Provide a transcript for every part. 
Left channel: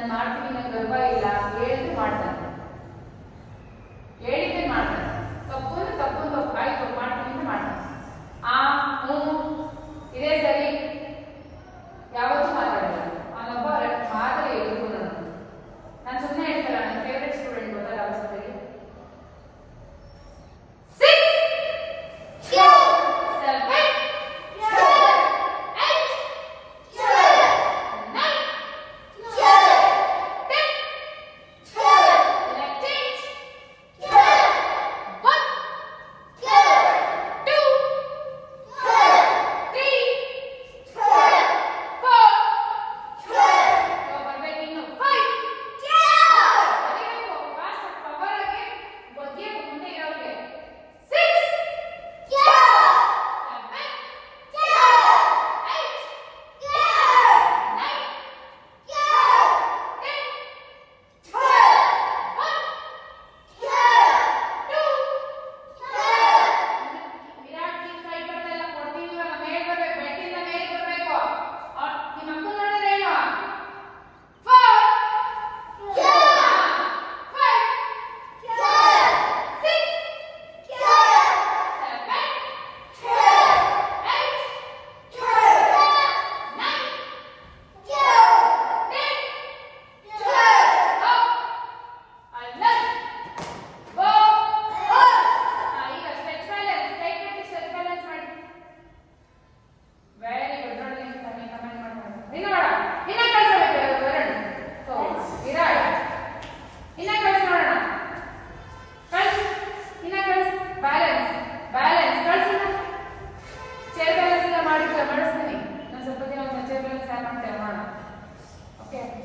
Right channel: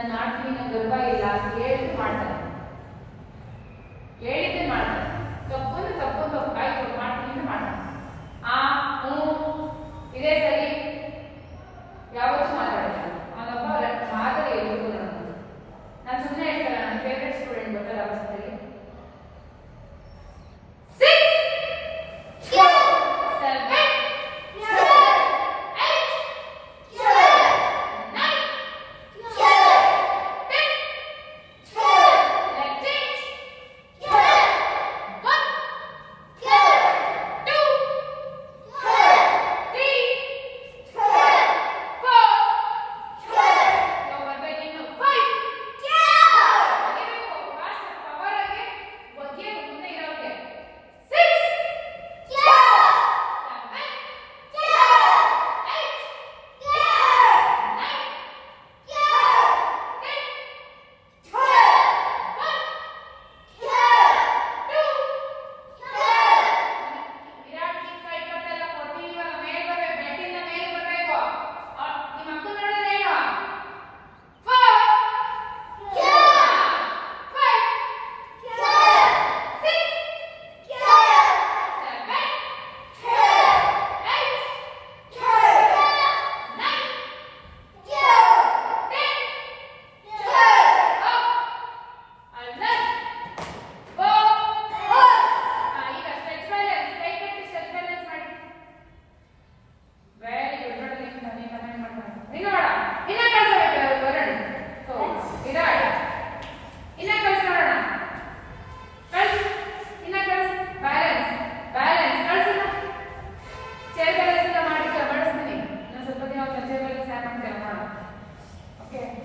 ನಾನು ಮಾಡ್ತೀನಿ ನಂಗೆ ಗರ್ಭ ಇಲ್ಲ ಹೇಳಿದ್ದು ಮಾಡ್ತಾರೆ, ಹೇಳಿದ್ದೆ ಮಾಡ್ತಾರೆ. ತಪ್ಪು ತಪ್ಪು ತಪ್ಪು ಆಯ್ತು ಮಾಡ್ತೀನಿ ಮಾಡ್ತಾರೆ. ಆ ಇದೇ ಸರಿ ಯಾವತ್ತೂ ಮಾತಾಡಲ್ಲ. ಅವನೊಬ್ಬ ಮಾದರಿ ಎದುರು ನಾನು ಸುಮ್ಮನೆ ಹೇಳ್ತಲ್ಲ. ನನ್ನ ಫೇವ್ರೆಟ್ ಸ್ಟೂಡೆಂಟ್ ಗೊತ್ತಲ್ಲ ಸಭೆಗೆ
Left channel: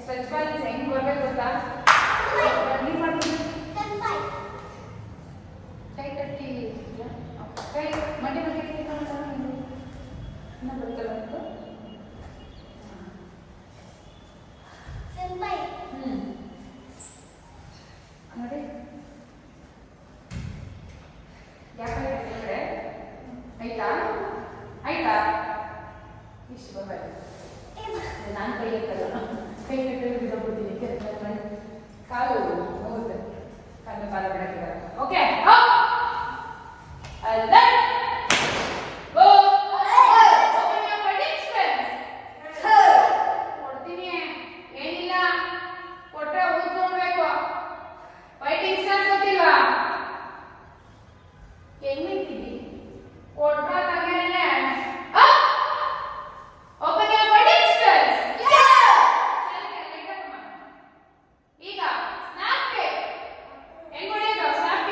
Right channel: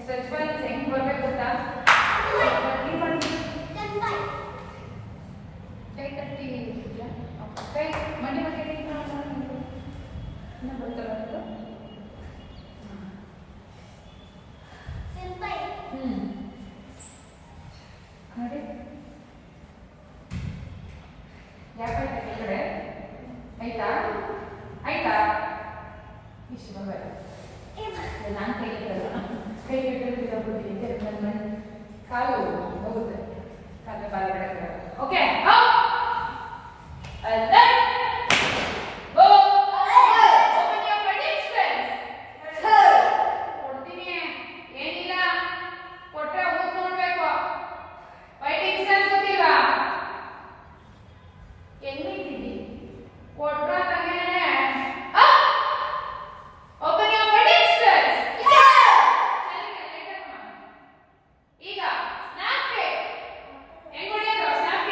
ಸ್ಟ್ರೆಚ್ ಬ್ಯಾಲೆನ್ಸ್ ಹೆಂಗ್ ಬರ್ಬೇಕು ಗೊತ್ತಾ? ಕೈ ಕಟ್ಟಿ ಕೈ ಮಂಡಿ ಬಗ್ಗೆ ಇನ್ನ ಬರ್ತಲ್ಲ ಅದು ನೋಡಿ ಯಾಕೆ ಕಡೆ ಆಯ್ತಾ ಆಯ್ತಾ ಇಷ್ಟು ಬರ್ಬೇಕು. ನಾನು ಕೈ ಇರ್ತಲ್ಲ ಕೈ ಇಟ್ಟಿದ್ದು ಕಾಲು ಹೋಗುತ್ತೆ ಕಾಲು ಕಾಲ ಬಿಡಕ್ಕೆ. ಓಕೆ ಕೊಡ್ತೀವಿ ಏನಿಲ್ಲ ಕೊಟ್ಟರೆ ಉಳ್ಕೊಳ್ಬೇಕು. ಫೈಟಿಂಗ್ ಸ್ಟೈಲ್ಸ್ ಗೊತ್ತಿಲ್ವಾ? ಎಲ್ಲಿದ್ದೀವಿ ಕೊಟ್ರ ತಗೇನೆ ಓಪನ್ ಯುವರ್ ಫೈಟಿಂಗ್ ಸ್ಟೈಲ್ಸ್. ಈಗ ಸ್ನ್ಯಾಪ್ ಹೆಂಗ್ ಮಾಡಿದ್ರು ಸ್ನ್ಯಾಪ್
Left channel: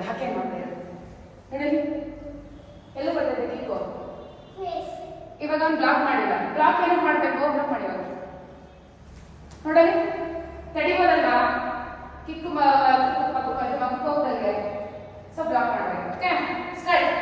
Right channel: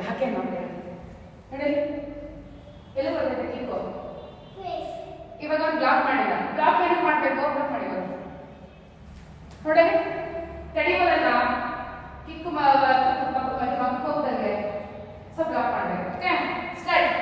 ಹಾಕೇ ಮಾಡಬೇಡ ನಡೀಲಿ ಎಲ್ಲ ಬರ್ತದೆ ಕಿಕ್ಕು ಇವಾಗ ಅವ್ನು ಬ್ಲಾಕ್ ಮಾಡಿಲ್ಲ ಬ್ಲಾಕ್ ಏನಕ್ಕೆ ಮಾಡಬೇಕು ಬ್ಲಾಕ್ ಮಾಡಿಲ್ಲ ನೋಡಲಿ ತಡಿಬೋದಲ್ಲ ಕಿಕ್ಕು ಹೋಗ್ತದೆ ಸೊ ಬ್ಲಾಕ್ ಮಾಡಬೇಕು ಓಕೆ ಸ್ಟಾರ್ಟ್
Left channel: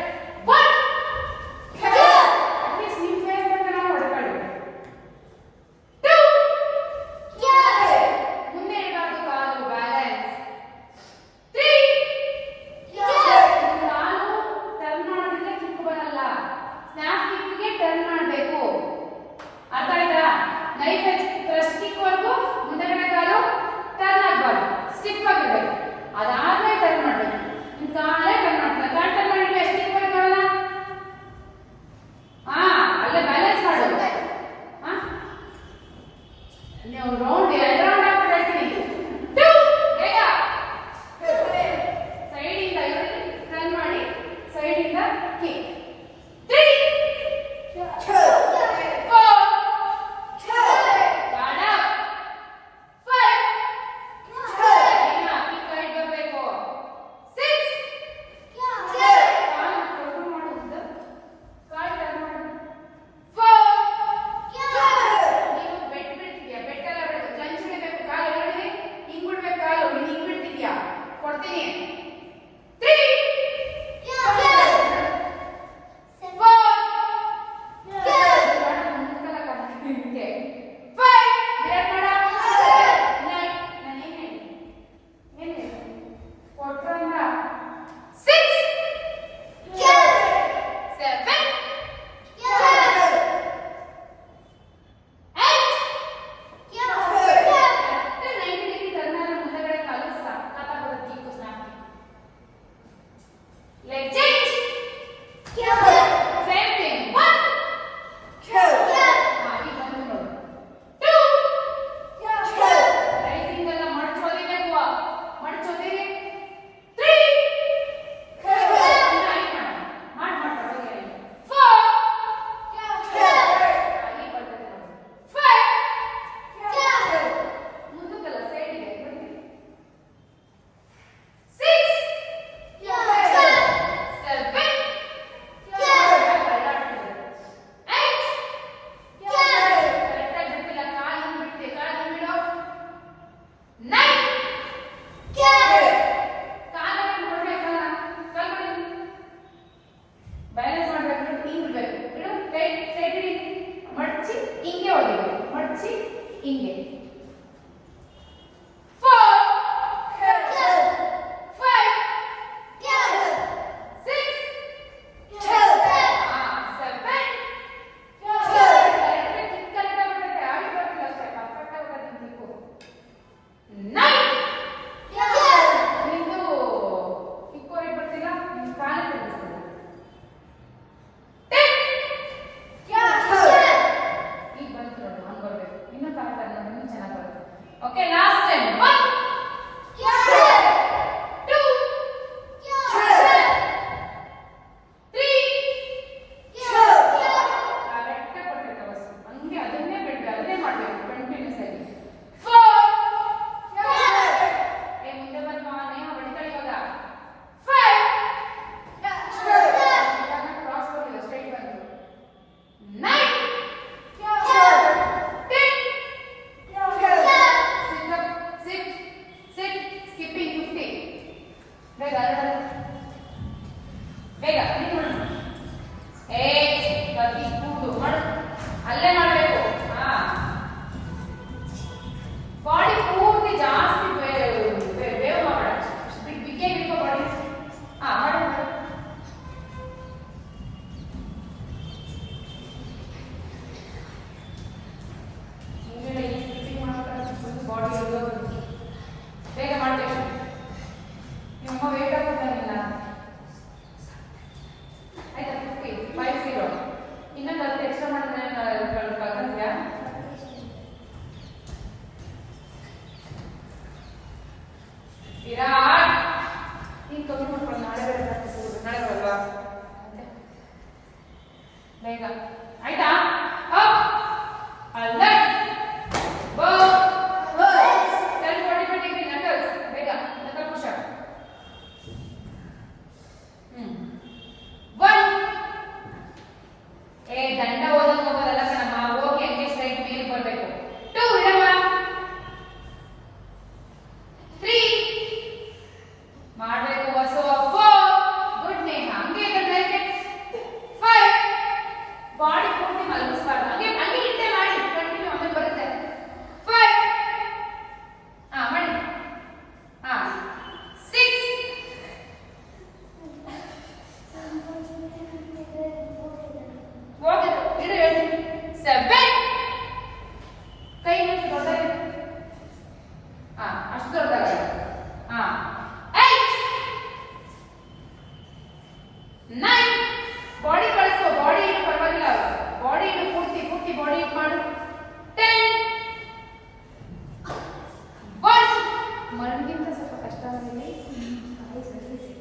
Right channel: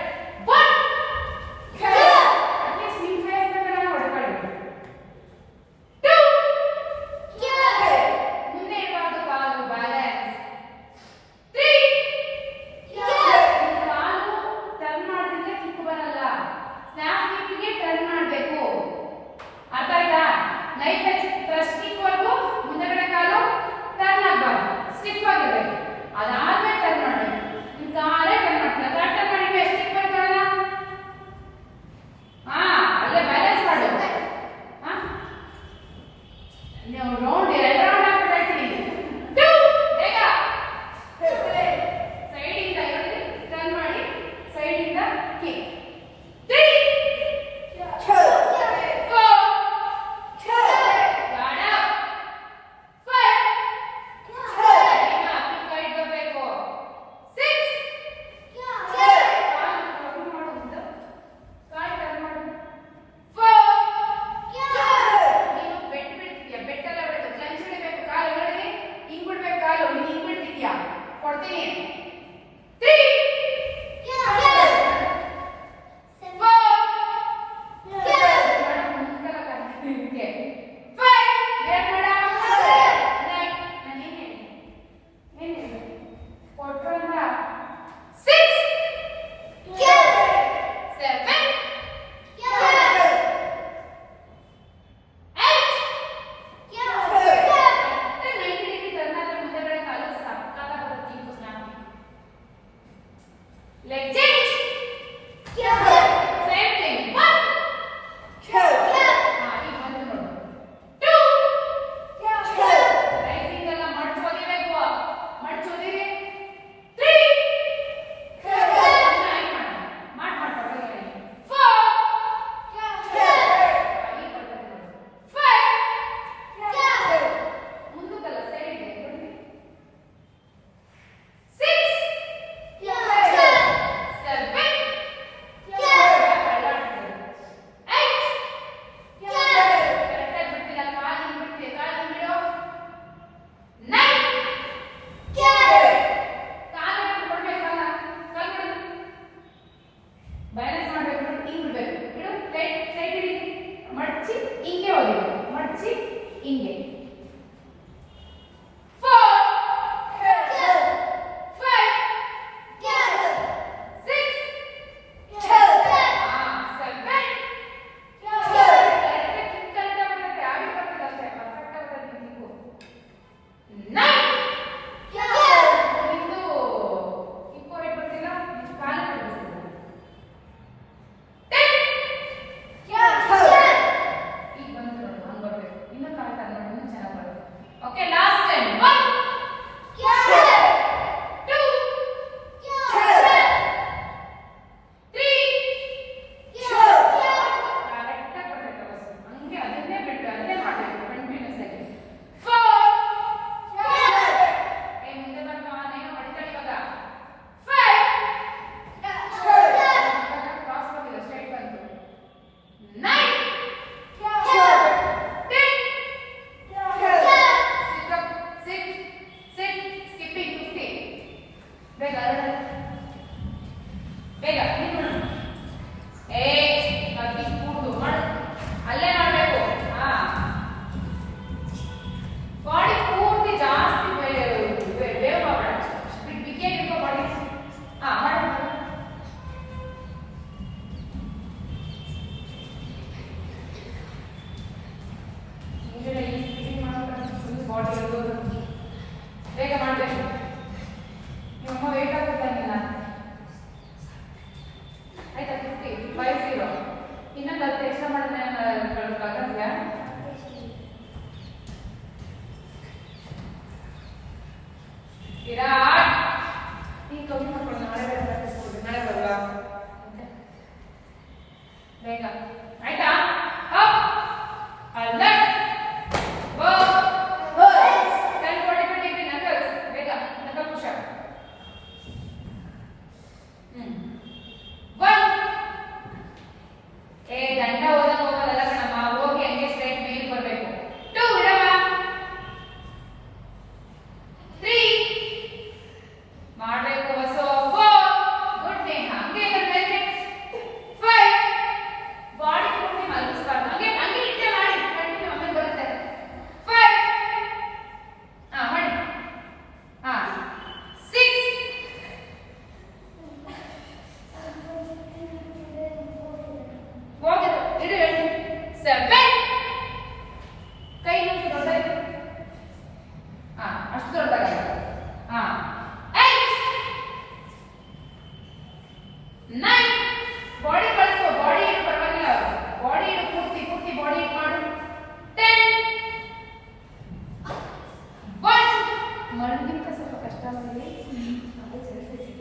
ಮಣ್ಣಿಗಿಂತ ಸ್ವಲ್ಪ ಕಷ್ಟ ಆಗಿದೆ.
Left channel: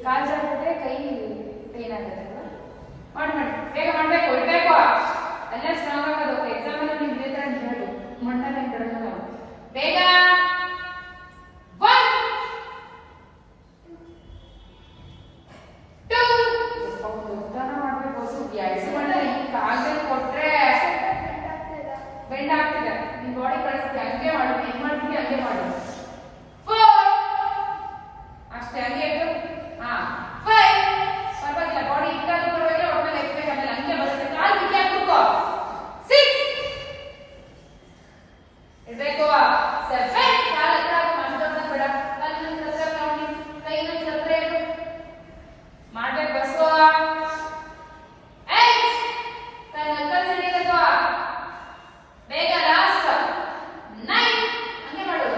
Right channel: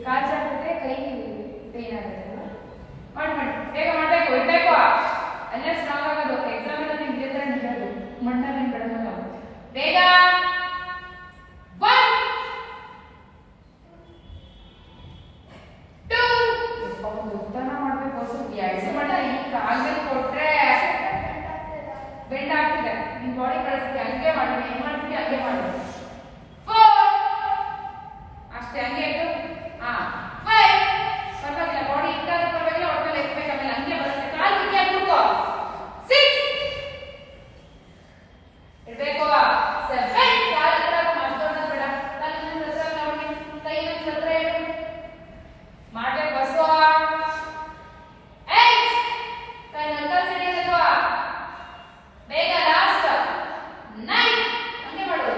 ಕಾಲು ಜಾರಿದ್ರೆ ಕೈ ಪೇನ್ ಆಗುತ್ತಲ್ಲ. ಮಾಡಿ ಬೇಗ ಮಾಡಬೇಕು, ಇಡಬೇಕು. ಎಲ್ಲ ಸ್ಟ್ರಾಂಗ್ ಆಗೋದು. ಎಕ್ಸಾಮ್ ಅಲ್ಲಿ ನಿಮ್ಗೆ ಇದೇ ಥರ ಹೇಳೋದು, ಮಣ್ಣಲ್ಲಿ ಬಿಡೋದು. ಬೇಗ 1 2 ಉದ್ದಾನ ಮಾಡಬೇಕು. ಎಕ್ಸ್ ಮಾಡ ಈ ಕಾಲಲ್ಲಿ ಕೊಟ್ರೆ ಬೆಂಡ್ ಆಗ್ತಿದೆ. ನಿಮ್ ಬಾಡಿ ಕಳಿಸ್ತಿ ಹಂಗೆ ಮಾಡಬೇಕು. ಹೆಂಗ್ ಮಾಡ್ತೀವಿ ಹಂಗೆ ಮಾಡಬೇಕು. 4 ಅಷ್ಟೇ, ಹಂಗೆ ಇಟ್ಟು 5 ಪರವಾಗಿಲ್ಲ. ಬಾಡಿ ಇಟ್ಟಾಗ ಪರವಾಗಿಲ್ಲ, ಒಟ್ಟು ಎಕ್ಸ್ಪೆಕ್ಟ್ ಆಗಲ್ಲ, ಹಂಗೆ ಬರುತ್ತೆ. ಕಾಲು ಕಿಕ್ಕೆ ಕೂತ್ಕೋ. 6 ಇರಬೇಕು. 7 ಕಾಲು ಹತ್ರ ಮಾಡ್ದೋದ ಬೇಡ. ಕಾಲು ಹತ್ರ ಮಾಡಿ, ಕೈ ಹತ್ರ ಇಡು. ಮಾಡ್ಬೇಕು ಬಸ್ಸು. 8 ಕೈ ಹತ್ರ ಸರಿ ಇರಬೇಕು. ಬೇಗ ಲಾಸ್ಟ್ 9 ಹಂಗೆ ಮಾಡೋದು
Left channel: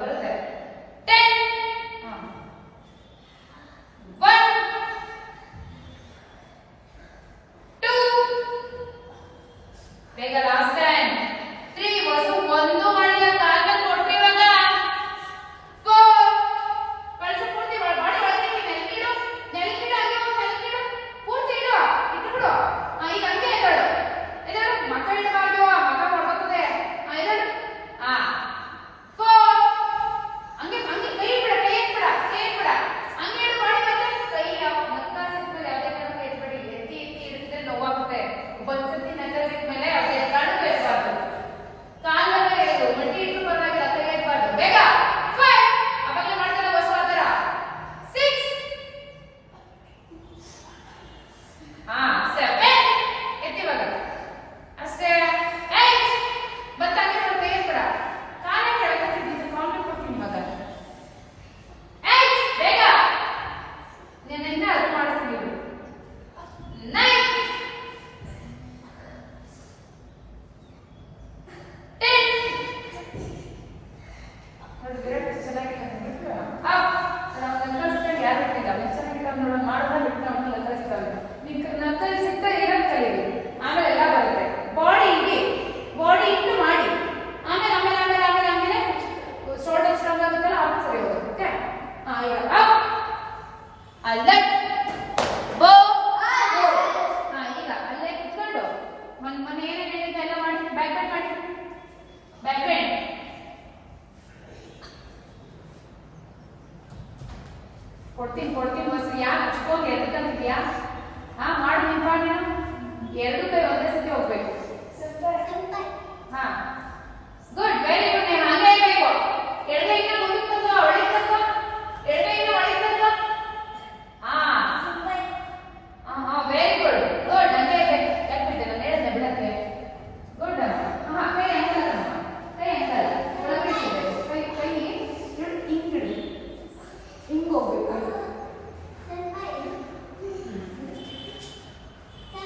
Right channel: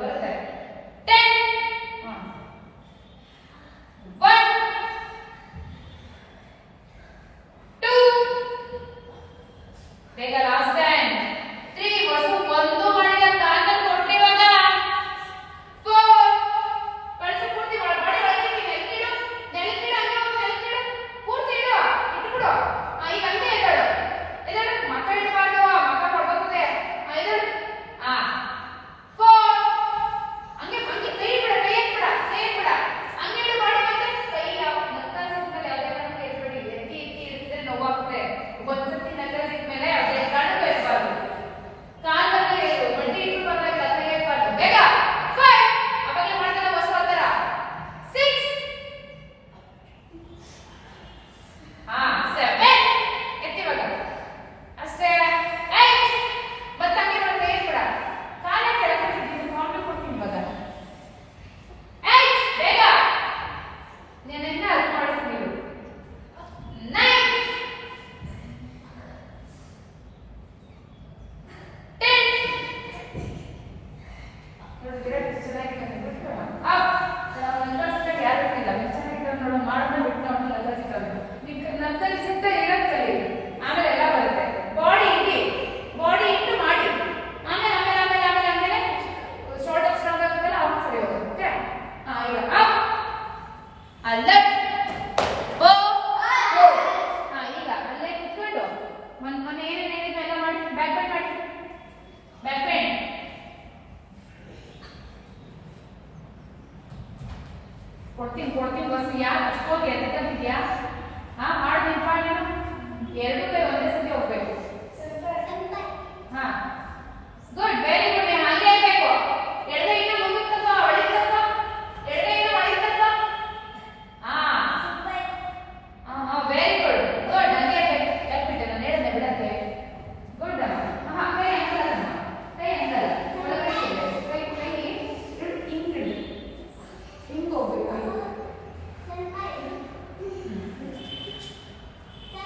ಬರುತ್ತೆ. 10 1 2 ಬೇಗ ಲಾಸ್ಟ್ 10 3 ಬಸ್ಸು ಒಂದು ಮಾಡಿಲ್ಲ. ಕಾಲಲ್ಲಿ ಕೊಟ್ರಿ ಇವಾಗ 4 ಕಳಿಸಿ ಪೂರ್ತಿ ಬಾಡಿ ಒಳಗೆ ನೆಲಕ್ಕಿಡು ಹಂಗೆ ನೆಲಕ್ಕಿಡು ಪೂರ್ತಿ ಇಡು ಇಟ್ಬಿಡು. ಈಗ ಹಂಗೆ ಎದ್ದೇಳು ಮಕ್ಕ ಇಡಬಾರ್ದು, ಮಕ್ಕ ಹೊರಗೋಗ್ತದೆ. ಎದ್ದೇಳು. 4 ಹಂಗೆ ಕೈ ಎತ್ಬಿಡ ಹಂಗೆ ಇಡು. ಮಾಡಿ ಮತ್ತೆ ಕೈ ನತ್ತ ಸಿಕ್ಮೇಲೆ ಯಾವುದೇ ಕಾರಣಕ್ಕೂ ಎತ್ಬೇಡಿ. ಎತ್ತಿ ಇಡಿದ್ರೆ ನೋವಾಗುತ್ತೆ. ಒಂದ್ಸತಿ ನತ್ತ ಸಿಕ್ಮೇಲೆ ಯಾವುದೇ ಕಾರಣಕ್ಕೂ ಎತ್ತಬಾರ್ದು. ಕಾಲಲ್ಲಿ ಬಡ್ಡಿ ಇಟ್ಟು ಪರವಾಗಿಲ್ಲ, ಕೈ ಎತ್ತಬಾರ್ದು. ಬೇಗ 5 ಅವಾಗಲೇ ಮಾಡ್ತಾರೆ ಬಸ್ ಆತರ. 6 7 ಎತ್ತಿವಾಗ ಅಷ್ಟೇ. 8 ಬತ್ತಾಗಿ ನೋಡಿ ಕೈ ಎತ್ಬಿಡ. ಕಾಲೇ ಕೆಳಕತ್ತಿದ್ದೀನಿ, ಕಾಂಪ್ಲಿ ಕೊಡ್ತೀನಿ ಇವಾಗ. 8 ಬೇಗ ನೆನ್ನೆ ಅದು ಮಾಡಿಸ್ತೀನಿ. 9 10 ನೋಡಿ ವಿರಾಟ್ ಚೆನ್ನಾಗಿದೆ ಬಿಟ್ಟು ಯಾರು ಬಿಟ್ಟಿಲ್ಲ. ಚೆನ್ನಾಗಿರೋ ನೋಡೋ ಮಾಡೋಣ ಬಿಟ್ಟು ನಾವು ನಕ್ಕಲಿಸ್ತಾರೆ. ನೀವು ನಕ್ಕಲಿಸುತ್ತೆ ಇರೋದು ಕಲೀರಿ, ಆಮೇಲೆ ಎಲ್ಲ ಬರುತ್ತೆ. ಬಾಡಿ ಇಟ್ಟು ಮಾಡಿ. ಆಮೇಲೆ ಶೋಲ್ಡರ್ ಸ್ಟ್ರಾಂಗ್ ಆಗುತ್ತಲ್ಲ, ಅದು ಸರಿ ಹೋಗುತ್ತೆ. ಓಕೆ, ಈಗ ಅಪ್ ಅಲ್ಲೇ ಬೋ. ಈಗ ಅಲ್ಲೇ ಕುತ್ಕೊಂಡು ಮನೆ ಏನೇನಿದೆ ಎಲ್ಲ ಮಾಡಿ. ಬ್ಯಾಕ್ ಬೆಂಡ್ ಮಾಡಿ. ಬ್ಯಾಕ್ ಬೆಂಡ್ ಕೊಡ್ತೀನಿ ಬಸ್. ಯಾಕೆ ಅಷ್ಟೊಂದು ಎತ್ತಂತಿದ್ಯಾ? ಮಾಡಿ ನೀನು 2 ಕೈ ಒಂದೇ ಸತಿ ಹೋಗ್ಬೇಕು. Good, very good. ಹಾಗೆ ಇರಬೇಕು. ಎಡಗೈನ ಮುಂದಕ್ಕೆ ತಗೋ, ಒಳಗೆ ತಗೋ. ಎಡಗೈನ ಒಳಗೆ ತಗೋ. Very good. ಹಂಗೆ ಇರಬೇಕು. ಯಾಕೆ ನಾನು ಹೇಳಿದ್ದೆ ಬಿಡತ್ತೆ. ಗುಡ್ ಅಮ್ಮ. ಕೈ ಹಂಗಲ್ಲ, ಒಳಗಡೆ ಇರಬೇಕು. ಕೈ ಹಿಂಗಿಡಿ, ಹಿಂಗೆ ಹೋಗ್ಬೇಕು.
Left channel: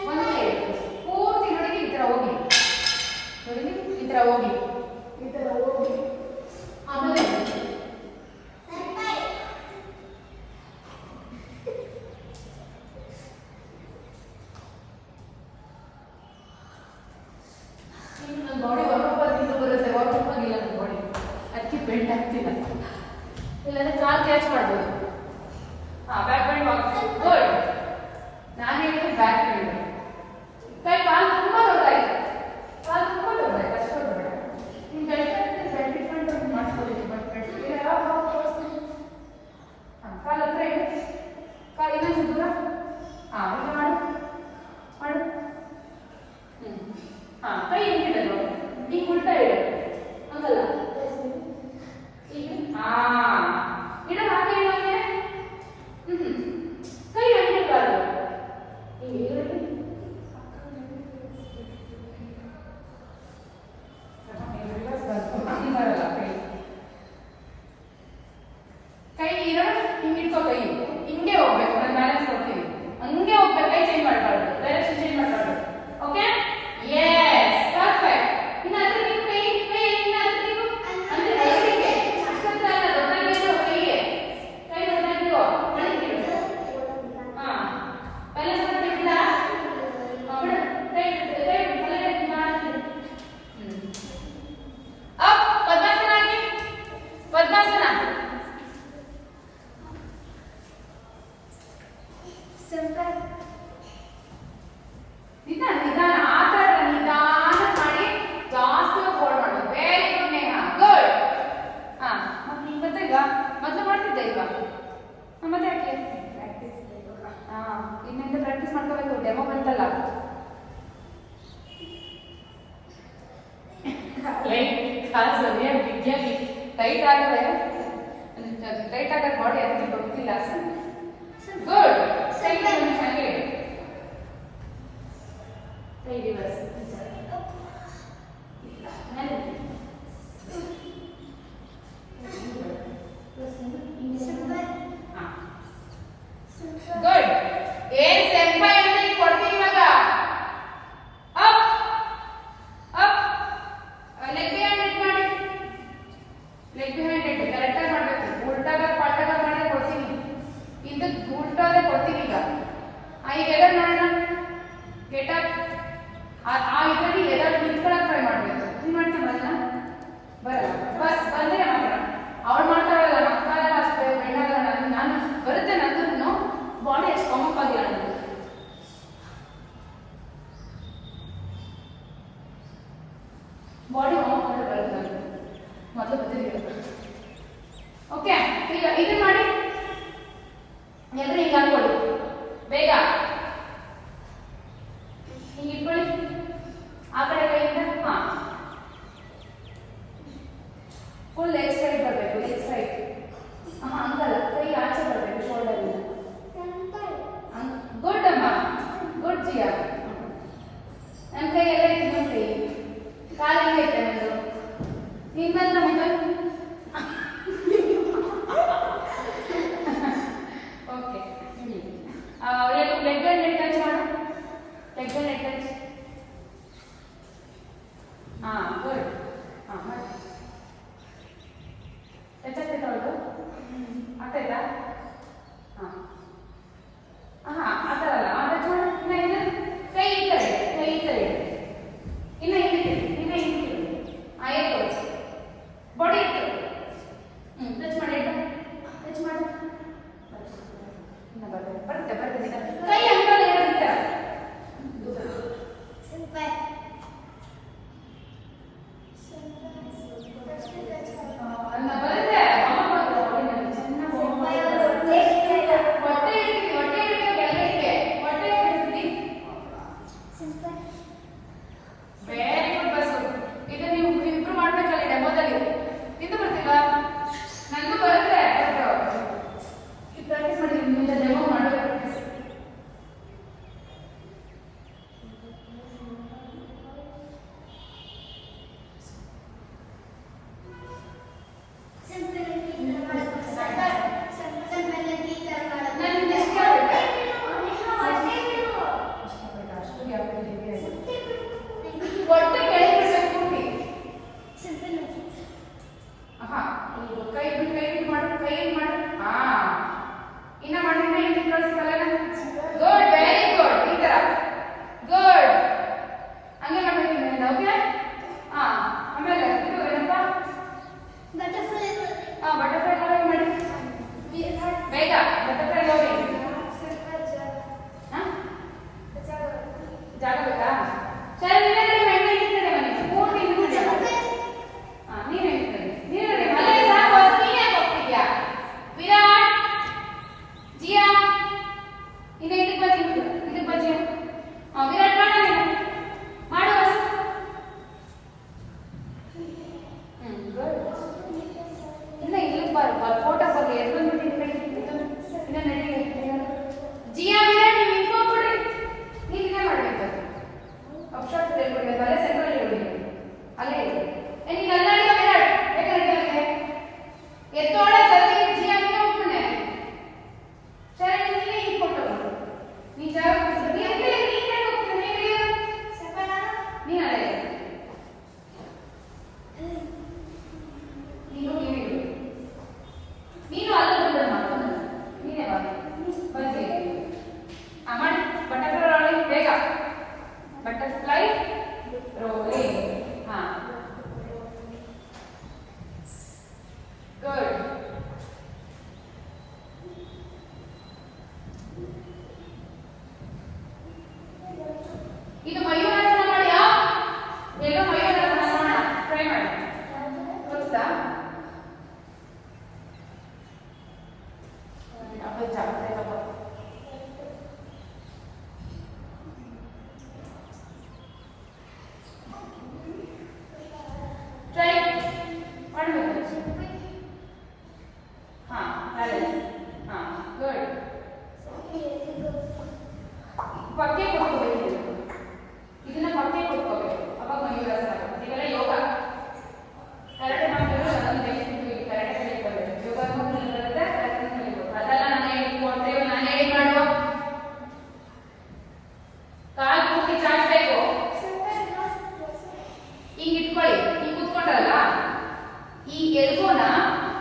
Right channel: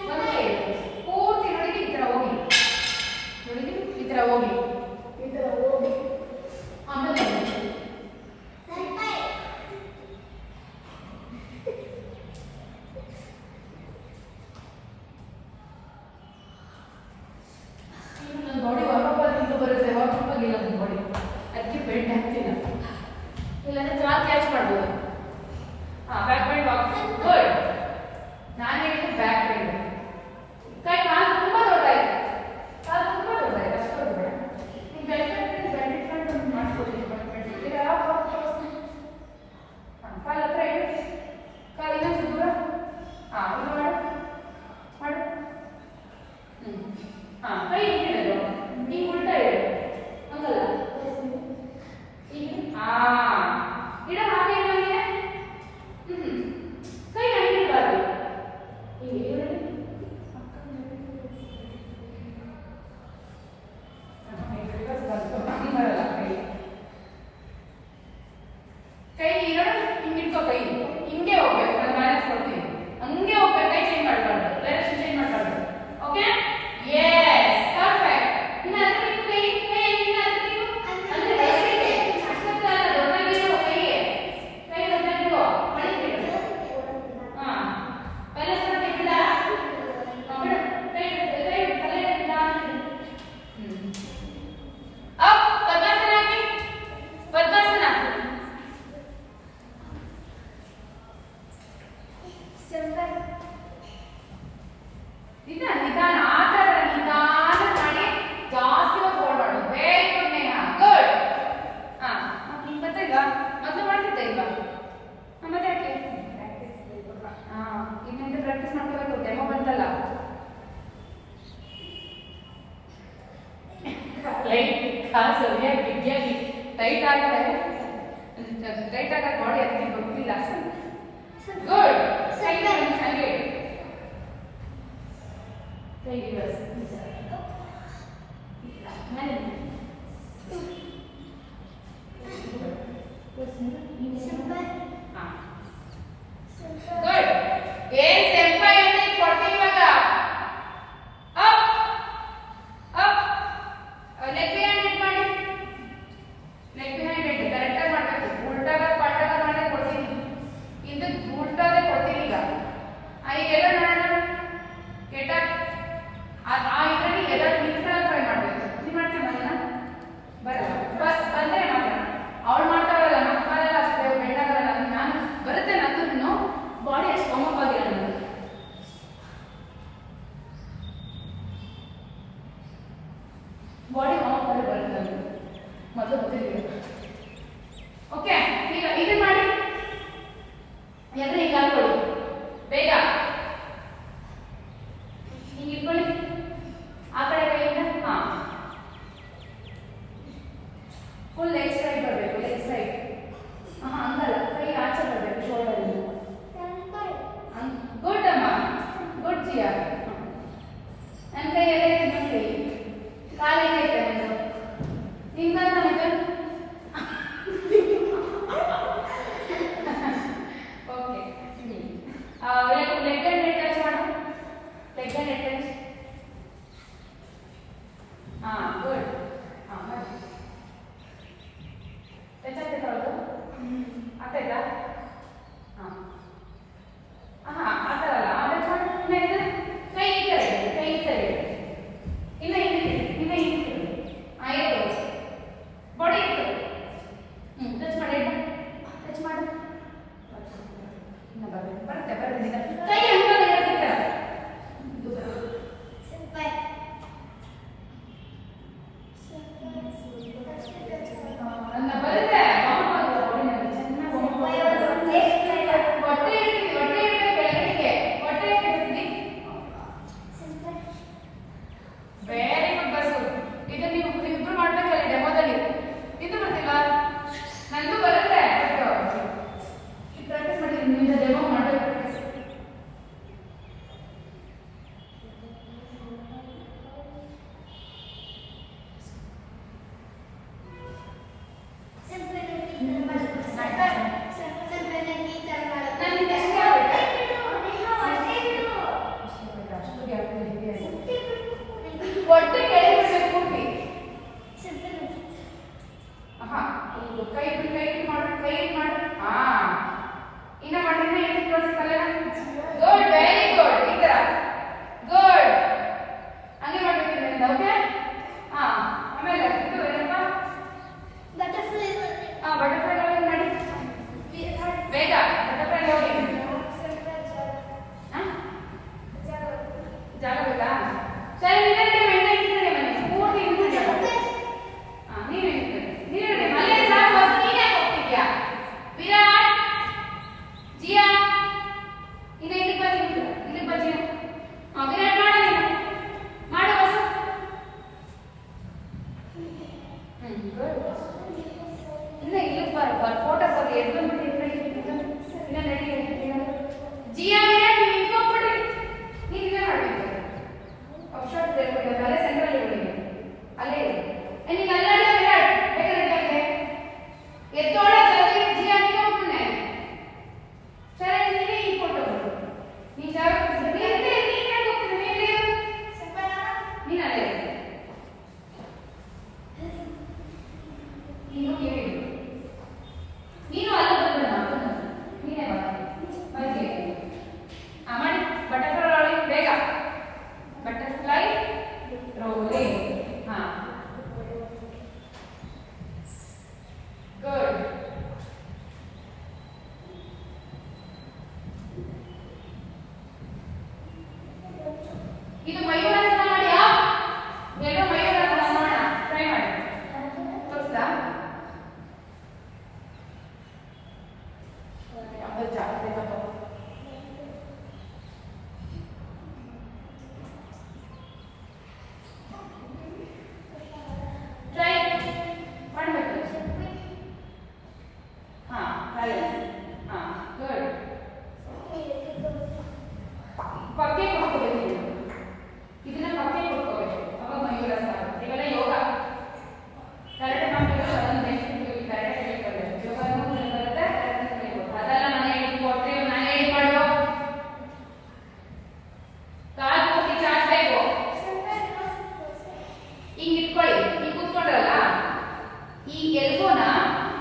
ಒಂದು ಕೈ ಪೂರ್ತಿ ನೋಡಿ ಈ ಥರ ಹೋಗಿ. ಆಮೇಲೆ ನನ್ನ ಬಾಡಿ ವಾಪಸ್ ಬರುತ್ತೆ. ವಾಪಸ್ ಆಗಿಲ್ಲ ನನ್ನ ಬಾಡಿ, ಅದಕ್ಕೆ ಬೆಂಡ್ ಆಗ್ತಿಲ್ಲ. ಇಲ್ಲಾಂದ್ರೆ ಕಾಲು ಕ್ಯಾಚ್ ಮಾಡ್ಬೋದು. Back bend walk. ಗುಡ್. ನಾನು ಹೇಳಿದ್ದು ಬ್ಯಾಕ್ ಬೆಂಡ್. ಕಾಲು ತುಂಬಾ ದೊಡ್ಡಾಯ್ತು. ಅಷ್ಟು ದೊಡ್ಡ. ನೀವು ಬೆಂಡ್ ಇಟ್ಕೊಂಡು ಮಾಡ್ಕೊಳ್ಳಿ. ಕಾಲು ಹತ್ರ ಇಡು. ಕಾಲು ಇನ್ನೊಂದು ದೂರ. ಈಗ ಮಾಡು. ಕೈ ಹಿಂಗಿಡಲು. ಈಗ ಉಲ್ಟಾ ಇಡು. ಹಂಗಲ್ಲ. ಇಡು. ಹಾಗೆ ಇಡು. ಲೈಟ್ ಕಾಲು ಸರಿಯಾಗಿ ಬಿಗಿಯಾಗಿ ಟೈಟ್ ಆದರೆ ಬಾಡಿ ಅದಕ್ಕೆ ಗೊತ್ತಿಲ್ಲ. ಗುಡ್. ಚೆನ್ನಾಗಿ ಕೈಗೆ ಬಳಸಿ ಗುಡ್. ಏನ್ ಸೆಂಪೈ ಅಂತ ಕೊಡ್ತೀನಿ ಇವಾಗ. Up up leg behind it ಮಾಡಿ. ಲೆಗ್ ಬಿಹೈಂಡ್ ಇಟ್ ಕರೆಕ್ಟ್ ಆಗಿ ಮಾಡಬೇಕು. ಉಲ್ಟಾಗ ಪಾಲ್ಟಾಗ ಮಾಡಿ ಕೊಡ್ತೀನಿ. ಇದು ಉಲ್ಟಾದ ಕೊಡ್ತೀನಿ ಈಗ. ಈಗ ಎಡ ಮಾಡೋಣ. Get up. ಆ ಇದರಲ್ಲಿ ಎಡ ನಿಂತ್ಕೊಳ್ಳೋಕೆ ಟ್ರೈ ಮಾಡಬೇಕು. ನೀವು ಮಾಡ್ತಾ ಬರಲ್ಲ ಬರಲ್ಲ ಬಸ್ ಬಂದ್ರೆ ಮಾತ್ರ ಅವಳು ಮಾಡ್ತಾರಲ್ಲ ಮಕ್ಕಳೆಲ್ಲ ಅಷ್ಟು ಬೇಡಾಗಲ್ಲ. ನಾನು ಬರುತ್ತೆ ನಂದು ಬಾಡಿ ಅಷ್ಟು ಕಾಮಪ್ ಆಗಿಲ್ಲ ನನಗೆ. ಬಾಡಿ ಕಾಮಪ್ ಆಗಿ ಬರುತ್ತೆ ಮೊದಲು ಗೊತ್ತಿಲ್ಲ. ಓಕೆ ಈಗ ಇದನ್ನ ಮಾಡಿ ಎಲ್ಲರೂ ಈಗ ಹಾಕೊಳ್ಳಿ ಬೇಗ. ಹಿಂಗೆ ಇಟ್ಕೊಳ್ಳಿ ಆ ಕಡೆ ಕೈಯಿಂದ. ಹಾಂ ಫುಲ್ ಲೆಗ್ ಸೈಡ್ ಬರಬೇಕು. ಲೆಗ್ ಸೈಡ್ ಹಂಗಲ್ಲ, ಕೈ ಆಚೆ ಬರಬೇಕು ಶೋಲ್ಡರ್. ಗುಡ್ ಅಮ್ಮ, ಗುಡ್ ಜಿಯಾ. ನನ್ನ ಕೈ ಎಲ್ಲ ಐತೆ, ನನ್ನ ಕೈ ಕಾಲು ಹೆಂಗೈತೆ ನಂದು ನಿಮ್ಮನ್ನ ನಮಗೆ. Okay leg and neck touch ಮಾಡು. Leg and neck touch. ಹಾಂ ಗುಡ್. ಹಾಂ ಮಾಡಿ ಹೆಚ್ಚಾಗ್ತೈತೆ ಅವಳು ಆಗ್ತಾಯ್ತಾ? ಹಾಂ ಹಾಂ ಆ ಥರ ಅಲ್ಲ. ಆಮೇಲೆ ಮಾಡಿ ಕೈ ಈ ಥರ ಇದೆ, ಕೈ ಈ ಥರ ಇದೆ. ಇನ್ನೂ ಹಿಂದಿದೆ, ಇನ್ನೂ ಹಿಂದಿದೆ. ಹಾಂ ಇಟ್ಟು ಬಾಡಿ ಇಟ್ಟು ಟಚ್ ಮಾಡಿ. ಟಚ್ ಮಾಡಿ ಬರುತ್ತೆ ಬರುತ್ತೆ. ಕೈ ಅನ್ಕೊಂಡು ಇರೋದಿಲ್ಲ. ಬರುತ್ತೆ ಹೊಟ್ಟೆ ಇರ್ತೀನಿ, ಹೊಟ್ಟೆ ಇರುತ್ತೆ ಬೆಳಗ್ಗೆ, ಹೊಟ್ಟೆ ಇರ್ತೀನಿ. Very good bus. ಇದು ನೀವು ಇಬ್ರು ಮಾಡ್ಬೇಕಲ್ಲ ಡೆಮೋದಲ್ಲಿ. ಇದು ಬರ್ತಿಲ್ಲ ನನಗೂ ಬರುತ್ತೆ. ಪ್ರಾಕ್ಟೀಸ್ ಮಾಡ್ತೀನಿ. ನಿಮ್ಮಿಂದ ಡೆಮೋ ಮಾಡಬೇಕು. ಹೊಟ್ಟೆ ಕೆಳಗೆ ಕೂಡಿ. ಹಾ ಕೈ ಮಾಡು, ಕೈ ಮಾಡು. ಹಾ ಇನ್ನ ಮಾಡಿ, ಇನ್ನ ಕಳಿಸ್ತಾರೆ. Good, very good. ಈ ತರ ಗುಡ್. ಹಂಗೆ ಮಾಡ್ಬೇಕು ನಿಮ್ಮಿಂದ. ಓಕೆ. ಹಾ ಆಮೇಲೆ ಇದು ಏನಪ್ಪ ಬಟರ್ಫ್ಲೈ. ಹಾ ಬಟರ್ಫ್ಲೈ ಮಾಡಿ ಬೇಗ. ಬಟರ್ಫ್ಲೈ ನೋಡಿ. ಜಾಗ ಬೇಕಾ? ಸರಿ ನೀವೇ ಮನೆ ಇರ್ತದೆ. ಮನೆ ಪೂರ್ತಿ ನೀವೇ ನೀವೇ ಮನೆ ಸಾಕು. ನೀನೇ ಹೋಗ್ತಿದ್ಯಾ ವಿರಾಟ್ ಜಿಯಾ? ಈಗ ಇಲ್ಲಿ ಬಜ್ಜಿ, ಇಲ್ಲಿ ಬಜ್ಜಿ. ವಿರಾಟ್ ಮಾಡಿ, ನೀನು ಮಾಡು ಬಸ್. ಗುಡ್. ಇನ್ನ ಇಲ್ಲಿ ಫೋಟೋ ಬರ್ಲಿ. ಎದ್ದು ಬಂದ್ಬಿಟ್ಟು ಇನ್ನ ನಡಿ. ಜಿಯಾ ವಿರಾಟ್ ನೀವು ಇಟ್ಕೊಂಡ್ಬಿಡ್ರಿ. ನೀವು ಇನ್ನ ಮಾಡಬೇಕು. ಅಬ್ಸ್ಟ್ರಾಕ್ಟ್ ಹೇಳ್ಬಿಡಿ. ಅಲ್ಲೇ ಸೆಂಟ್ರಲ್ ಇರ್ಬಿಡಿ. ಅಲ್ಲೇ ಇದೆ. ನೀನು ಅಲ್ಲಾಡಿ ವಿರಾಟ್ ಬೇಕಾದ್ರೆ ಎತ್ತೋಳೆ ಜಲ್ದಿ. ಜಿಯಾ ಇಟ್ಕೊಂಡ್ಬಿಡ್ನೆ. ಸರಿ ನೀನೇ ಇಟ್ಕೊಂಡು ನೀ ಜಾಗ ನೀನೇ ಹೋಗ್ತೀನಿ. ನೀನು ಅಲ್ಲೇ ನೀನು ಅಲ್ಲ ಮಾಡ್ತಾರಲ್ಲ ಈ ಎಲ್ಬೋನ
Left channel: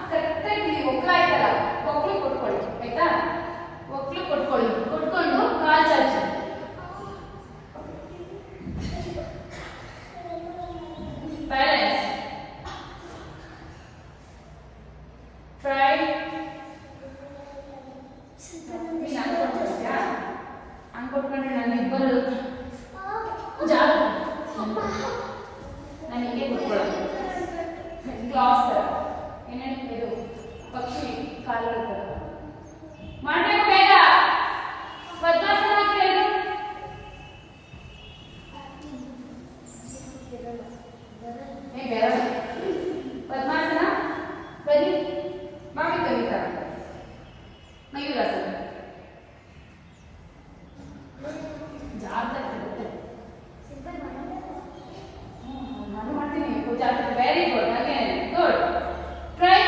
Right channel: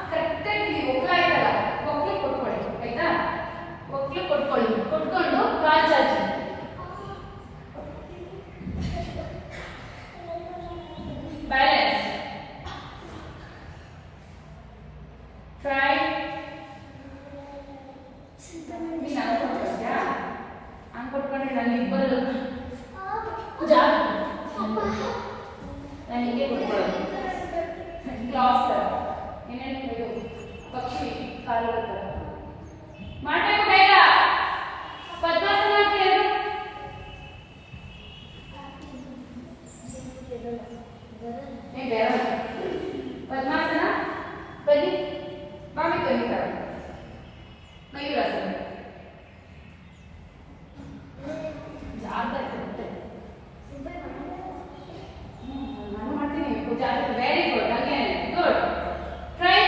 ಕರೆಕ್ಟಾಗಿ ಒಗ್ಲಾಯ್ತಲ್ಲ ಒಗ್ಲಿ ಕೊಟ್ಕೊಳ್ಳಿ ಆಯ್ತಾ ಒಗ್ಲಿ ಕೊಟ್ಕೊಳ್ಳಿ ಕೊಟ್ಕೊಂಡು ಕಾಲ್ ಚಾಚಿ ಬ್ಯಾಲೆನ್ಸ್ ಟ್ರೈ ಅನ್ಕೊಟ್ಕೊಂಡ್ರೆ ನಾನು ಇಬ್ಬರು ಜಾಗ ನಾನು ಹೀಗೆ ಕೊಟ್ಕೊಳ್ಳೋದು ಕ್ಲಾಸ್ ಥರ ಏನೇನು ಇದು ಪಕ್ಷಿ ಕಾಲು ಥರ ಮಾಡಬೇಕು ಬೇಗ ಪದ್ಮಾಸನ ಹಾಕಿ ಏನು ಬೇರೆ ಪದ್ಮಾಸನ ಬನ್ನಿ ಮಾಮಿ ಕಲಿತಾರೆ ಮಯೂರಾಸನ ನಾನು ಮಾಡ್ತೀನಿ very good again good try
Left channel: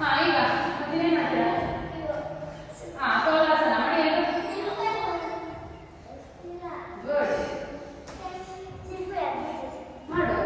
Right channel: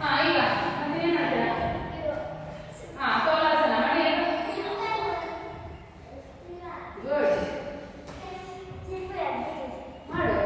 ಹಾ ಈಗ ಮತ್ತೇನು ಮಾಡ್ತೀರಾ ಹಾ ಕೋಲಾಸನ ಮಾಡಿ ಗುಡ್ ಮಾಡು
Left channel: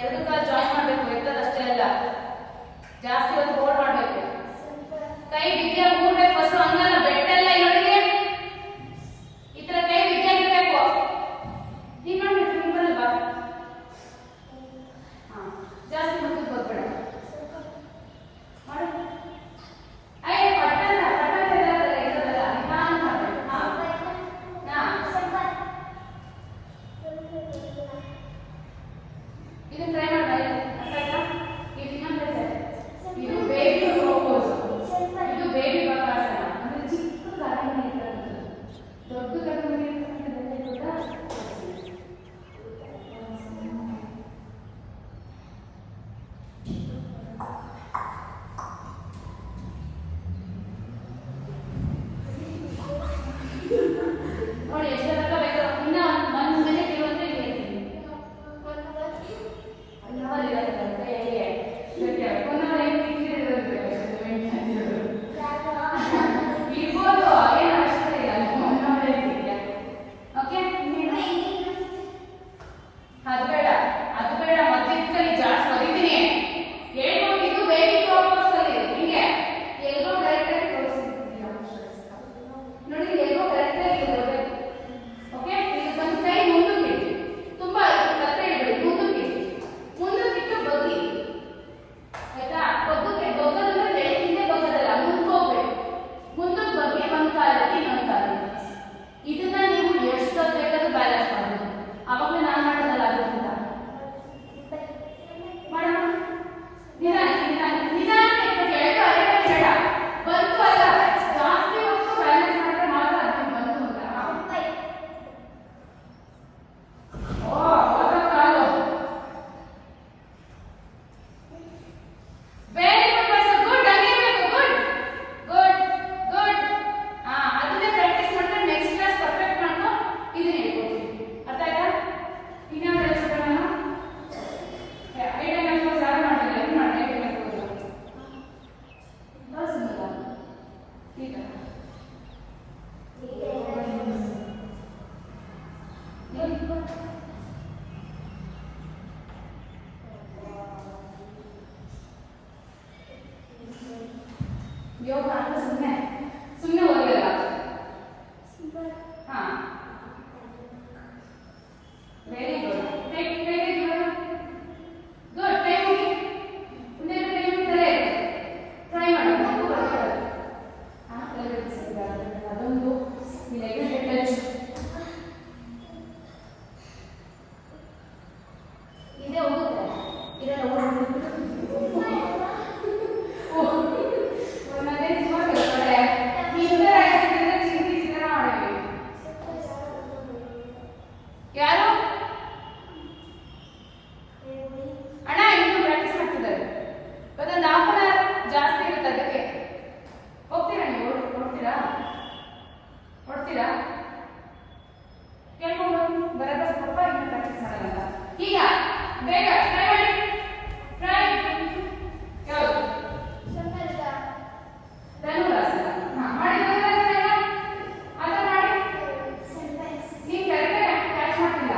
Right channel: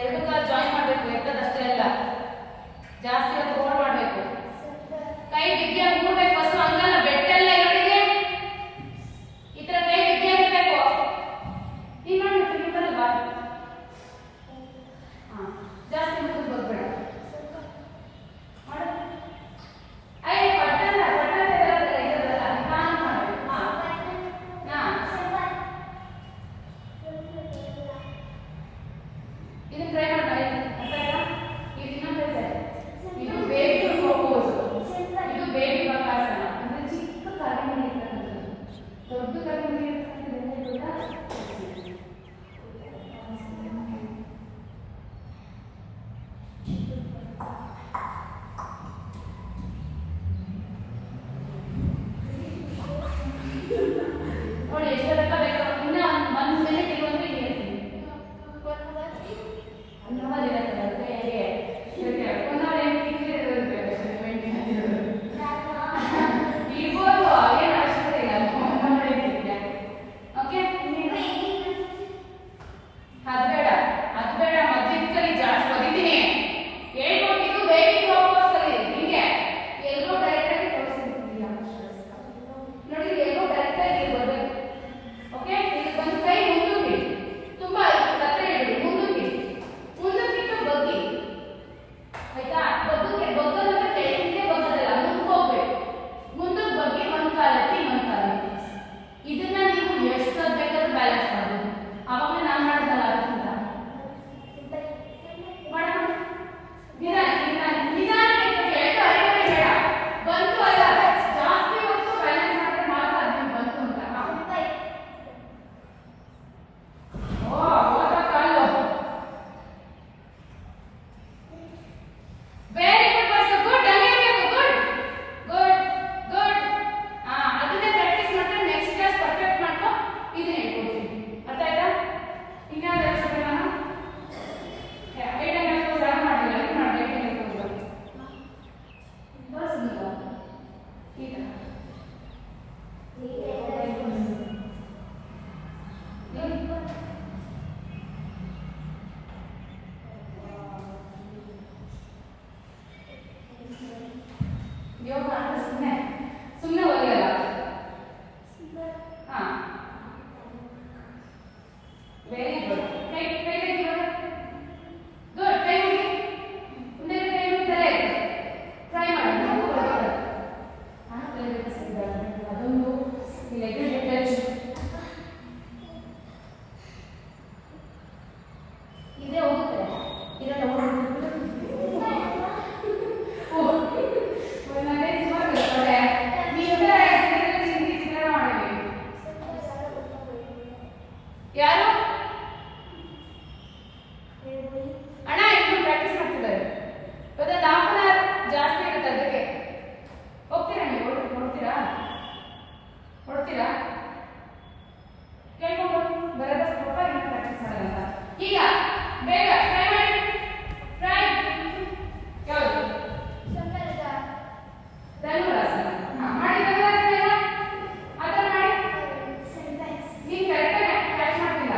ಎರಡು ಕಾಲು ಜಾಯಿನ್ ಮಾಡಬೇಕು, ಎತ್ತದಷ್ಟೇ ಅಲ್ಲ, ಜಾಸ್ತಿ ಹೊತ್ತು ಹೋಲ್ಡ್ ಮಾಡಬೇಕು. ಕೈ ಬಿದ್ದಿಯ ಮೂಡ್ಬೇಕು, ಫಸ್ಟ್ ಹಂಗಲ್ಲ, ಬೆಟ್ಟೆಲ್ಲ ಇರೋದಿದೆ ಈ ತರ ಕೈ ಬಿದ್ದಿಯ ಇರಬೇಕು. ನೀನು ಬರಲ್ವಾ? ಜಾಸ್ತಿ ಮುಟ್ಟು ಬರ್ಬೇಡ ಮಾಡು. ಅಯ್ಯ ಪಟ್ಟಲ್ಲ ಇರೋದಲ್ಲ, ನಿಧಾನ ಮಾಡಬೇಕು. ಇದು ಟ್ರೈ ಮಾಡಿ. ಇದು ಇದು ಬೇಬಿ ಪೋಸ್, ಇದು ಬೇಬಿ ಬಕಾಸನ. ಅಂದ್ರೆ ಚಿಕ್ಕ ಕಾಲಿನ ದೊಡ್ಡ ಕಾಲಿನ ನೋಡಿ ಎಷ್ಟು ತನಕ ಬೇಕು. ಇನ್ನ ಒಂದು ಮಿನಿಟ್ ಇರುವಂದ್ರೆ ಇಲ್ಲಿ ಇರ್ಬೋದು, ಏನು ಅವಶ್ಯಕತೆ ಇಲ್ಲ. ಓಕೆ, ಅದು ಬೇಡ, ಅದು ಬೇಡ. ಮಧ್ಯದಲ್ಲಿ ಜಾಸ್ತಿ ಹೊಡಿತೀನಿ. ಹೇಳ್ಕೊಟ್ಟಿದ್ದು ಬೇಬಿ ವಾಪಸ್ ಹಿಂಗೆ ಎಲ್ಲೋ ಡೈರೆಕ್ಟ್ ಆಗಿ ತೋರಿಸ್ತಿದ್ದೀಯ ನೋಡಿ, ಎಲ್ಲೋ ಡೈರೆಕ್ಟ್ ಆಗಿ ಬರಬೇಕು. ಓಕೆ, ಇದು ಒಂದು ಕೈ ಮುಂದಕ್ಕೆ ತುಂಬಾ ಹತ್ರ ಇಡಿ, ಮುಂದಕ್ಕಿಟ್ಟು ಬಗ್ಗಿ, ಆಯ್ತಾ? ಬಗ್ಗಕ್ಕೆ ಬಗ್ಗದಂದ್ರೆ ಕೆಳಗಿಂದ ಬಗ್ಗದಲ್ಲ, ಮುಂದೋಗ್ಬೇಕು. ಮುಂದಕ್ಕೆ ಬಗ್ಗಿ ಒಂದು ಕಾಲಕ್ಕೆ ಒಂದು ಕಾಲಕ್ಕೆ. ಇದನ್ನ ನೀವು ಎಷ್ಟೊತ್ತು ಬೇಕಾದ್ರೂ ಬ್ಯಾಲೆನ್ಸ್ ಮಾಡ್ಬೋದು. ಅವಾಗ ನಾನು ಮಾಡಿದಲ್ಲ ಅದಕ್ಕಿಂತ ಮಾಡೋಣ. ನಿಧಾನಕ್ಕೆ ಕೆಳಗೆ ಅರಿವೆ ಬೇಡ, ಬಂತು ಅಲ್ಲ, ಜಾಸ್ತಿ ಹೊತ್ತು ಬ್ಯಾಲೆನ್ಸ್ ಮಾಡಿದ್ರೆ ಮಾತ್ರ ಅದು ಬಂತು ಅಂತ. ಕಾಲು ವೆರಿ ಗುಡ್ ಮಾಸ್ಟರ್, ಗುಡ್. ಹಂಗೆ ಗುಡ್ ಗುಡ್ ಗುಡ್. ಅದನ್ನೇ ಪ್ರಾಕ್ಟೀಸ್ ಮಾಡಿದ್ರೆ ನೆಕ್ಸ್ಟ್ ಕ್ಲಾಸ್ ಪರ್ಫೆಕ್ಟ್ ಮಾಡ್ಕೊ. ಇದನ್ನ ಹೇಳ್ಕೊಡ್ತೀನಿ, ಅರ್ಥ ಆಯ್ತಾ? ಇನ್ಯಾವ್ದು ಹೇಳ್ಕೊಡೋಣ? ಐಟಮ್ ಯಾಕೆ ಯಾರು ಮಾಡಿಲ್ಲ, ಅದು ಮಾಡಿ ಐಟಮ್ ಹೇಳ್ಕೊಡ್ಬೋದು. ಬರ್ಸಿಲ್ಲ ಈಗ ಯೋಗ ಅಂತ ಸುಮ್ಮನೆ ಓದಿರಲ್ಲ. Very good. ಕೈ ಗುಡ್. ಕೈ ಮುಗಿ, ಮುಂದೆ ಕೈ ಮುಗಿದರೆ ಟ್ರೈ ಮಾಡಿ. ಅದೊಂದು ಇದೇ ಹೋಗುತ್ತೆ. ಇದನ್ನು ಯಾರು ಅಣ್ಣ ಇನ್ನೂ ಪ್ರಾಕ್ಟೀಸ್ ಮಾಡ್ತಿದ್ದಾರೆ. ಅದೊಂದು ಹಾಫ್ ಅನ್ ಅವರ್ ಜಾಸ್ತಿ ಇರುತ್ತೆ, ಅದಕ್ಕೆ ಹೋಗ್ತೀರಾ ನೀವು? ಹೊಡ್ತೀರಾ ಕೇಳ್ಕೊಂಡು ಬರೋದ ಸ್ವಲ್ಪ ಇನ್ನೂ ಪ್ರಾಕ್ಟೀಸ್ ಮಾಡಲ್ಲ. ಈಗ ಬೇಗ ಟ್ರೈ ಮಾಡಿ. ಟ್ರೈ ಯಾವುದು? ಧನುರಾಸನ ಮಾಡಿ. ಅದನ್ನ ಮಾಡಿ. ನೀನು ಕರೆಕ್ಟಾಗಿ ಕ್ಯಾಚ್ ಮಾಡ್ತಿಲ್ಲ.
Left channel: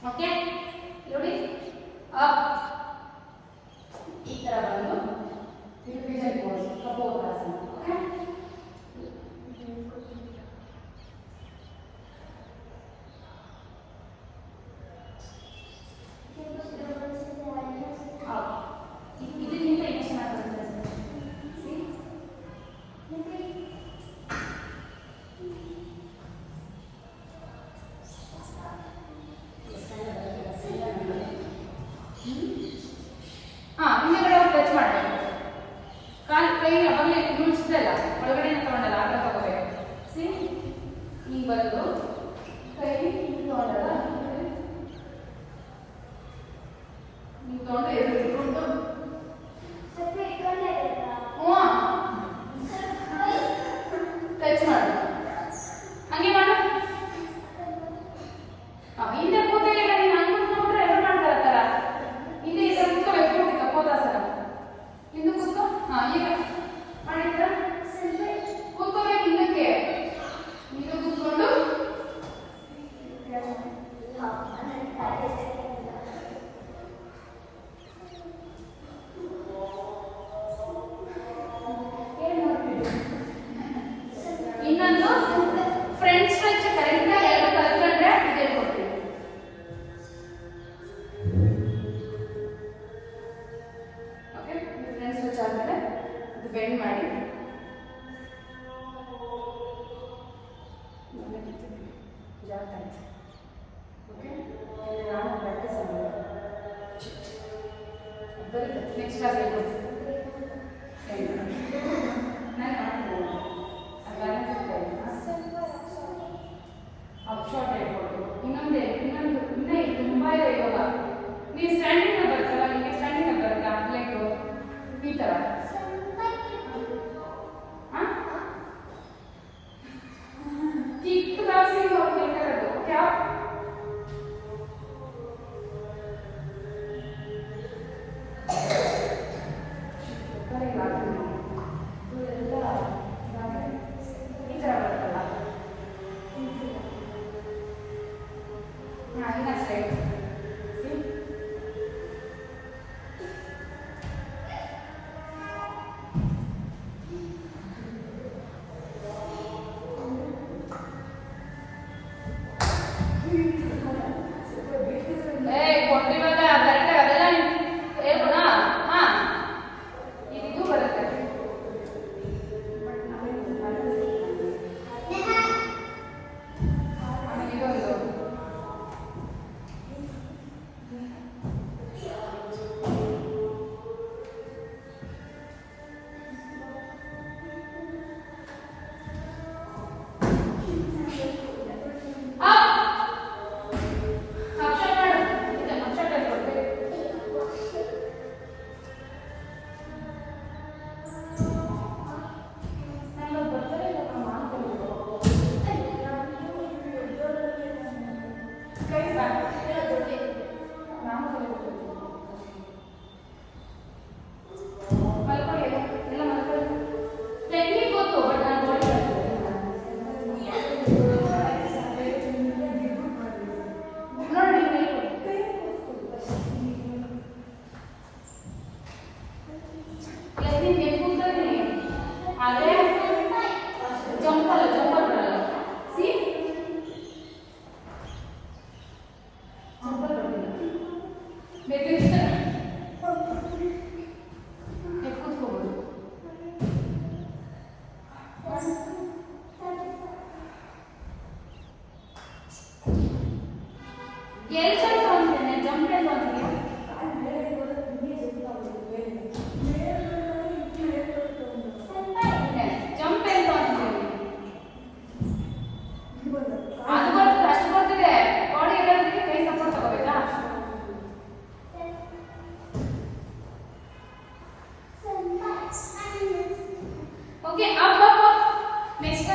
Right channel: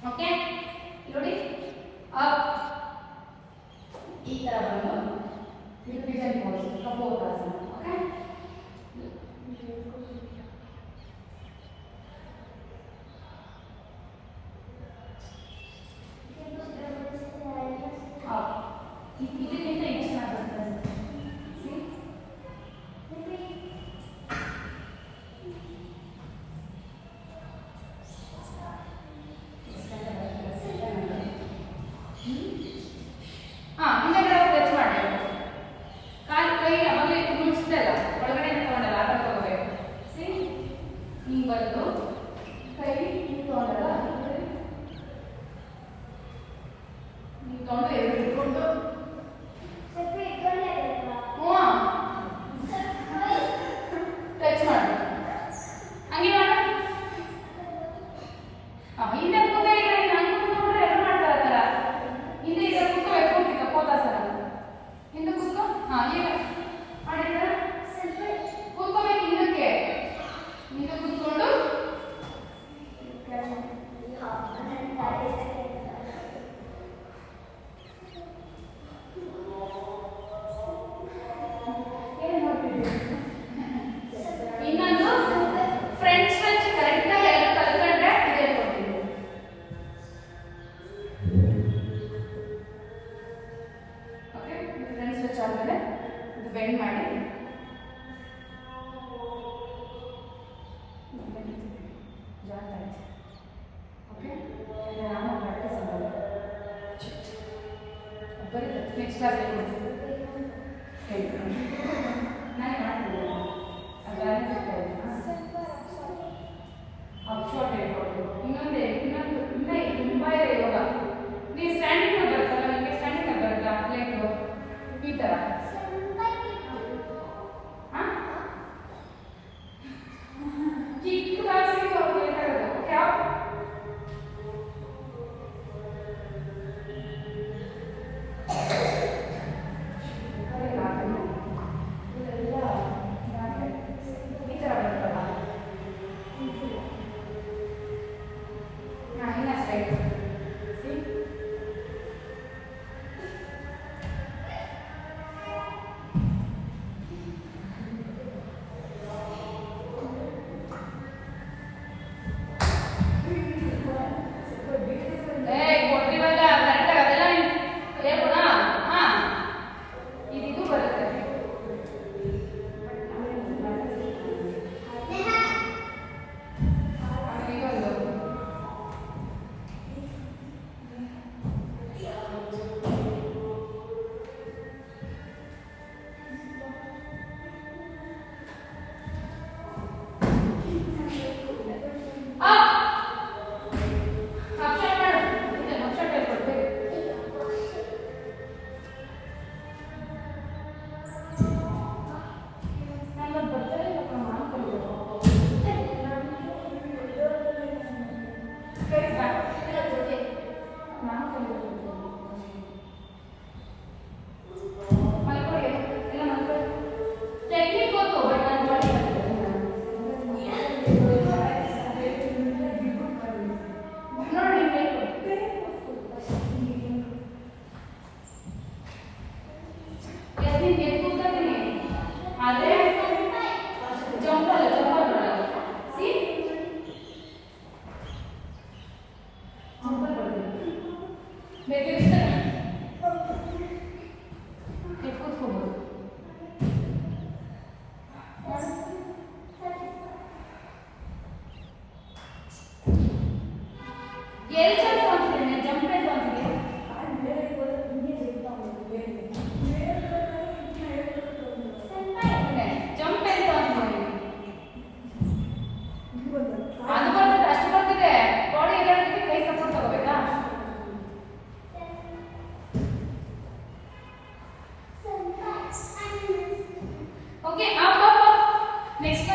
ಓಕೆ ನೋಡಿ ಅಪ್ ಈ ತರ ಬಂದು ಇದು ಪಿಜನ್ ಪೋಸ್ ಕಪೋತಾಸನ ಓಕೆ ಇದಕ್ಕಿಂತ ಇದು ಚೆನ್ನಾಗಿ ಬೆಂಡ್ ಮಾಡಿ ನೆಕ್ಸ್ಟ್ ಕ್ಲಾಸ್ ಇನ್ನೊಂದು ತುಂಬಾ ಇದೆ ಯೋಗ ನೀವು ಸ್ಟ್ಯಾಂಡಿಂಗ್ ಬರುತ್ತಲ್ಲ ನಿಮಗೆ ಸ್ಟ್ಯಾಂಡಿಂಗ್ ಬರುತ್ತಾ ಪ್ಲೇಟು ಈ ಥರ ನೆಕ್ಸ್ಟ್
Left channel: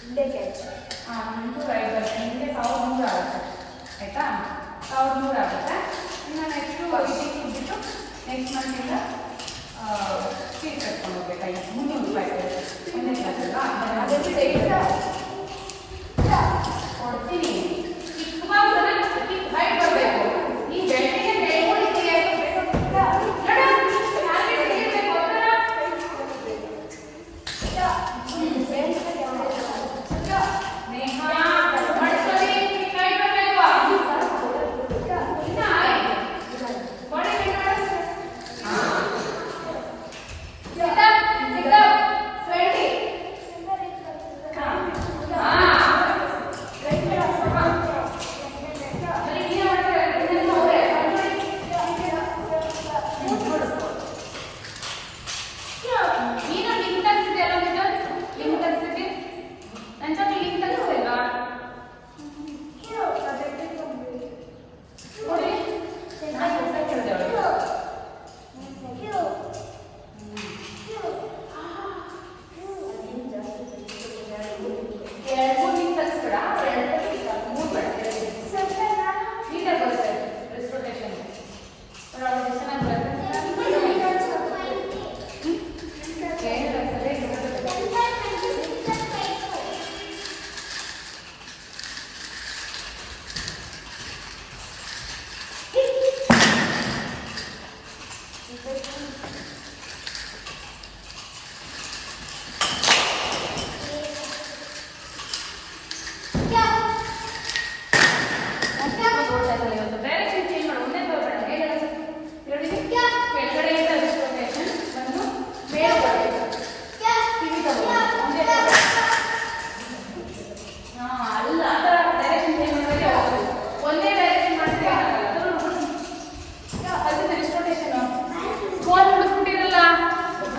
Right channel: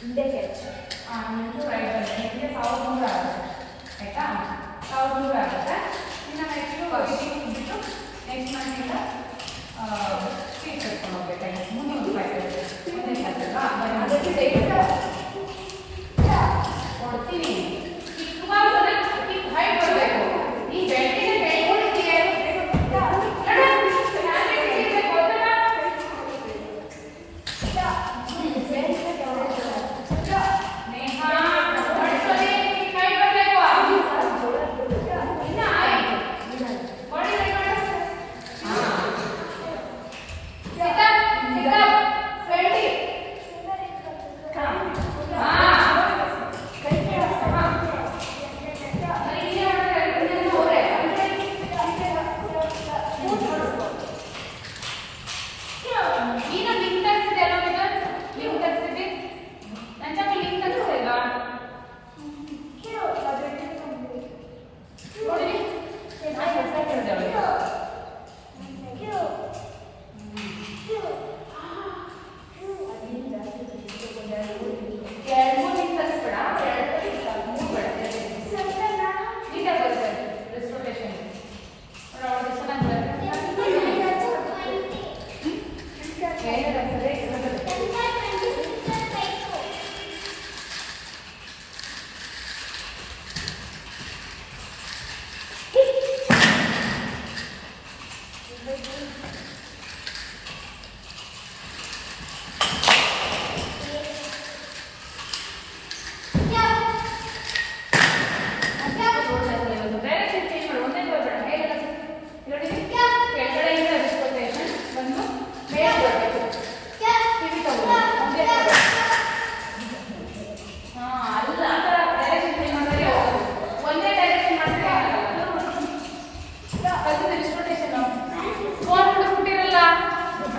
ಹಿಂದೆ ಕ್ಯಾಚ್. ನಿಮಗೆ 1100 ಆಗುತ್ತೆ ಆಯಿತಾ. 1100 ಆಗುತ್ತೆ. ಇನ್ನು ನೆಕ್ಸ್ಟು ಬಿಟ್ಟು ನೆಕ್ಸ್ಟ್ ಮಂತಿಂದ ಫೀಸ್ ಕಟ್ಕೊಂಡು ಹೋಗ್ಬೇಕಾಗಿ 300 ರೂಪಾಯಿ ಕೊಡ್ತೀನಿ. ಹೈಟ್ ಬರಬೇಕು. ಈ ಬೆಟ್ಟಿಗೆ ಕೈಗೊಳ್ಳಿಕ್ಕೆ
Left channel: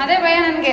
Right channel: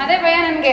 ಅದೇ ಭಯ ನನಗೆ.